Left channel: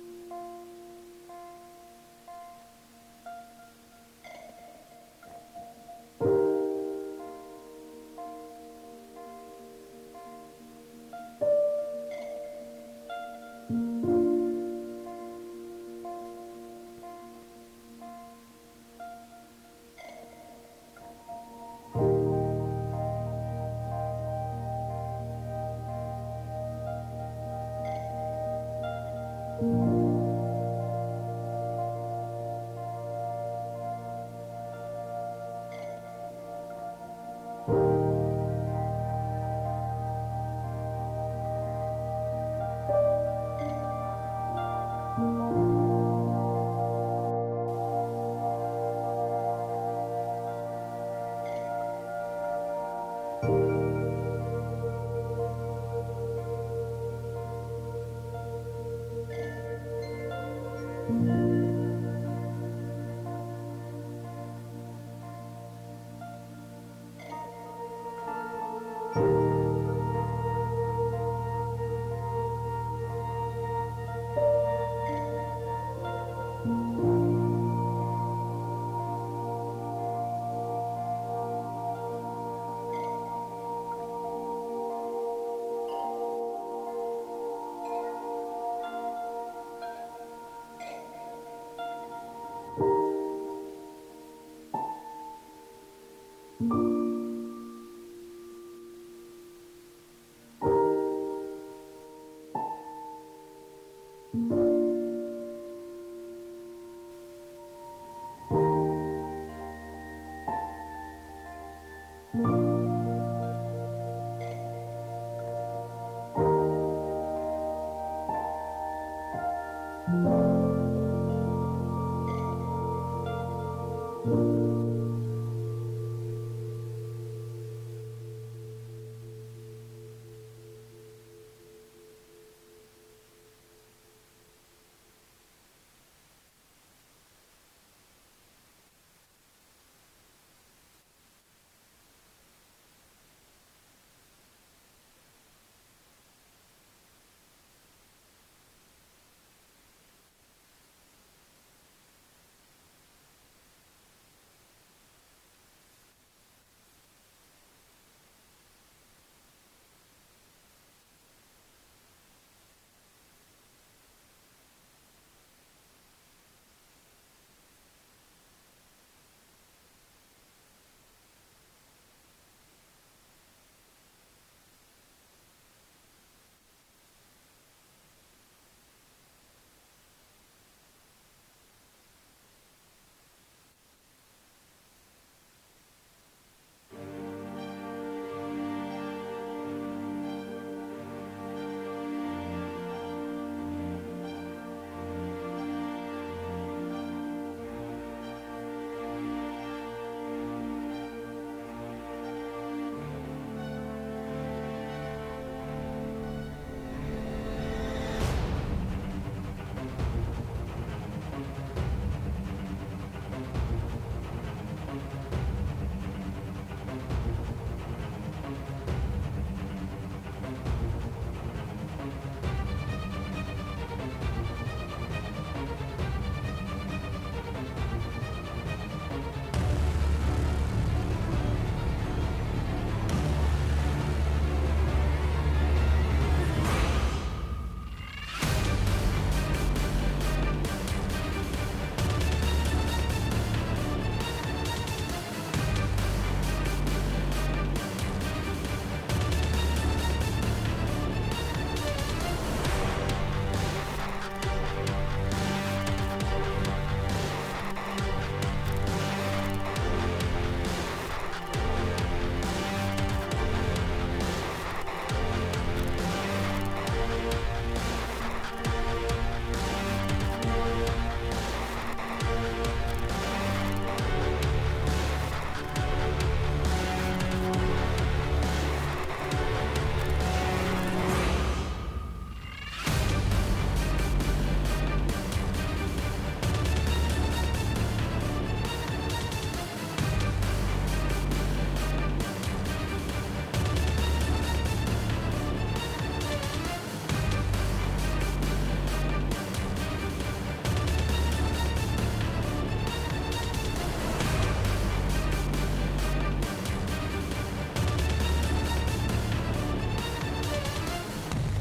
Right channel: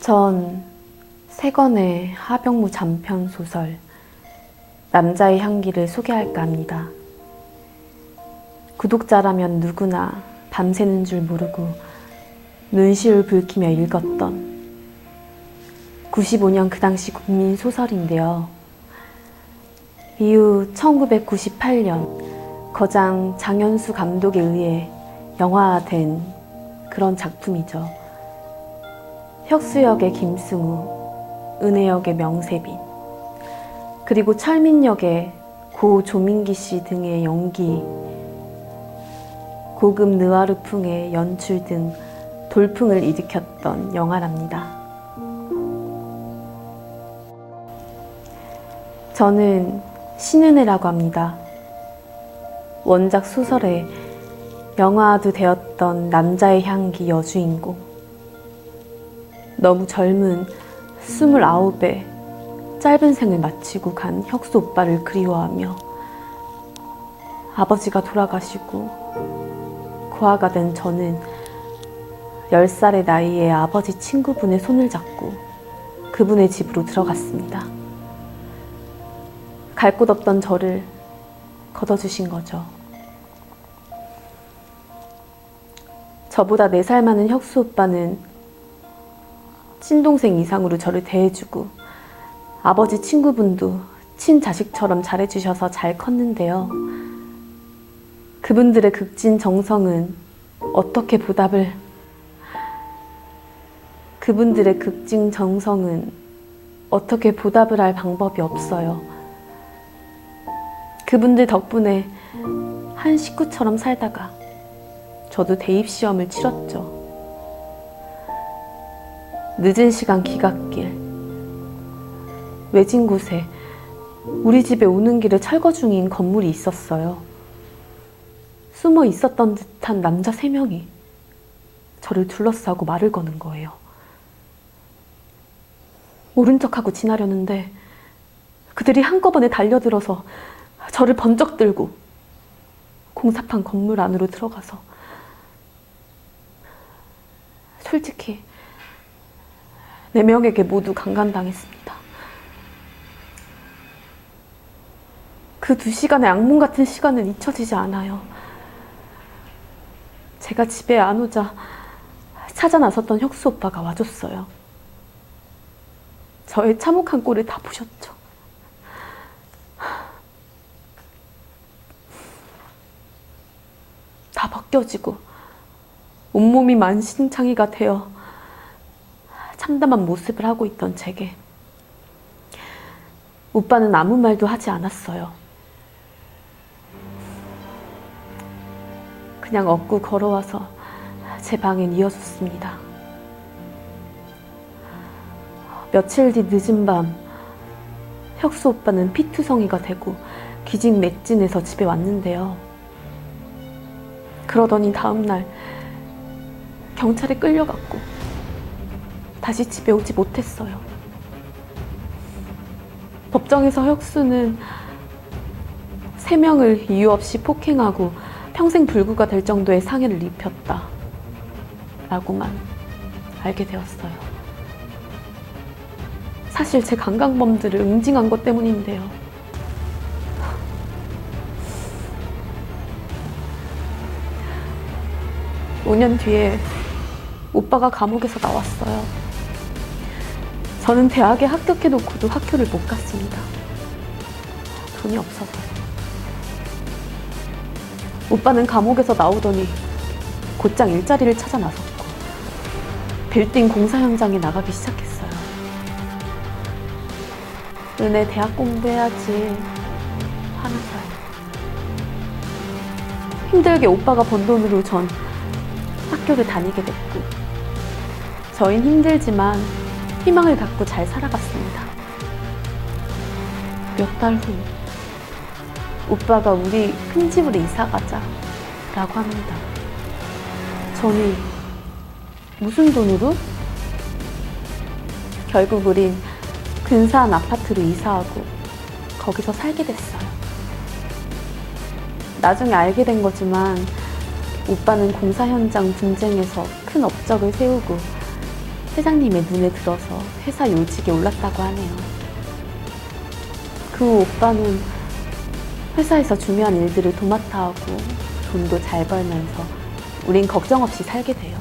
전 세권의 하병무 단편 소설 남자의 향기를 소개할까 합니다. 구독자라면 누구나 밤새는 줄 모르고 눈시울 붉히며 읽었던 95년 그 당시 국민 소설인데요. 이후 1998년 거장 장현수 감독에 의해 영화화된 그런 작품이죠. 혁수 역의 김승우, 은혜 역의 명세빈, 그리고 철민 역의 고 조민기 씨 등의 연기, 고급 느와르풍의 연출 등 돌풍을 일으켰던 영화랍니다. 저는 신은혜라고 합니다. 원작 소설에 영화도 되었던 남자의 향기 여주인공. 너무 젊은 스물아홉에 짧은 생을 마치고 간 혁수 오빠를 그리워하며 아버지가 돌아가시고 고아가 된 저는 10살의 나이에 아버지 친구분의 손을 잡고 그분의 집으로 들어갔습니다. 갈 곳 없던 저를 걷어주신 거죠. 저보다 4살 많은 혁수 오빠는 친동생 이상으로 저를 대해주고 아버지 친구분도 친자식처럼 잘해주셔서 잘 컸는데요. 그분들의 극진 정성은 어떻게 보답을 그분들의 극진 정성은 어떻게 보답을 할 방법이 없어요. 그분들 덕분에 한 식구처럼 살다가 저도 대입 시험을 치렀죠. 늦은 시간 기갓길 외진 곳에 우리 집에 오는 길에 철거 중인 건물이 있었어요. 숨어 있었던 듯한 남자 세 명이 저를 둘러싸고 말을 거는 거예요. 모른 척하고 지나려는데 그들이 한꺼번에 달려들어서 저를 번쩍 들고 공사판 건물 안으로 들어가서 솔직히 네 명에게 모두 강간당했습니다. 그 두 시간의 악몽 같은 시간은 잊혀지지 않아요. 제가 집에 안 오자 찾아 나섰던 혁수 오빠가 와줬어요. 저의 참혹한 꼴을 다 보셨죠. 다 벗겨지고 온몸이 만신창이가 되어 참담한 모습을 하고 있던 제게 오빠는 아무 말도 하지 않았어요. 그냥 업고 걸어와서 제 방에 이어줬습니다. 며칠 뒤 늦은 밤 혁수 오빠는 피투성이가 되고 기직 맥진해서 집에 왔는데요. 그러더니 다음날 경찰에 끌려갔고 다시 집에 오지 못했어요. 법정에서 혁수는 세 명을 이유 없이 폭행하고 평생 불구가 될 정도의 상해를 입혔다. 라고만 알게 되었어요. 사실 제 강간범들을 응징한 것 때문인데요. 오년 뒤에 오빠가 감옥에서 나왔어요. 저는 대학에 합격해놓고도 학교를 못 갔습니다. 돈이 없어서. 오빠는 감옥에서 나오더니 곧장 일자리를 찾아 나섰고 빌딩 공사 현장에 나가기 시작했어요. 은혜 대학 공부해야지. 한참. 힘들게 오빠가 번 돈으로 전 학교를 다니게 됐고 저흰 힘들지만 희망을 갖고 잘 살아갔습니다. 몇 달 후 오빠가 우리 큰 집으로 이사 가자 라고 합니다. 저는 무슨 돈으로? 결국 우린 근사한 아파트로 이사하고 거기서 살게 됐어요. 나중에 알게 된 거지만 오빠는 공사 현장 분쟁에서 큰 업적을 세우고 회장님의 눈에 들어서 회사 요직에 올랐다고 하네요. 그후 오빠는 회사에서 중요한 일들을 도맡아 하고 돈도 잘 벌면서 우린 걱정 없이 살게 돼요.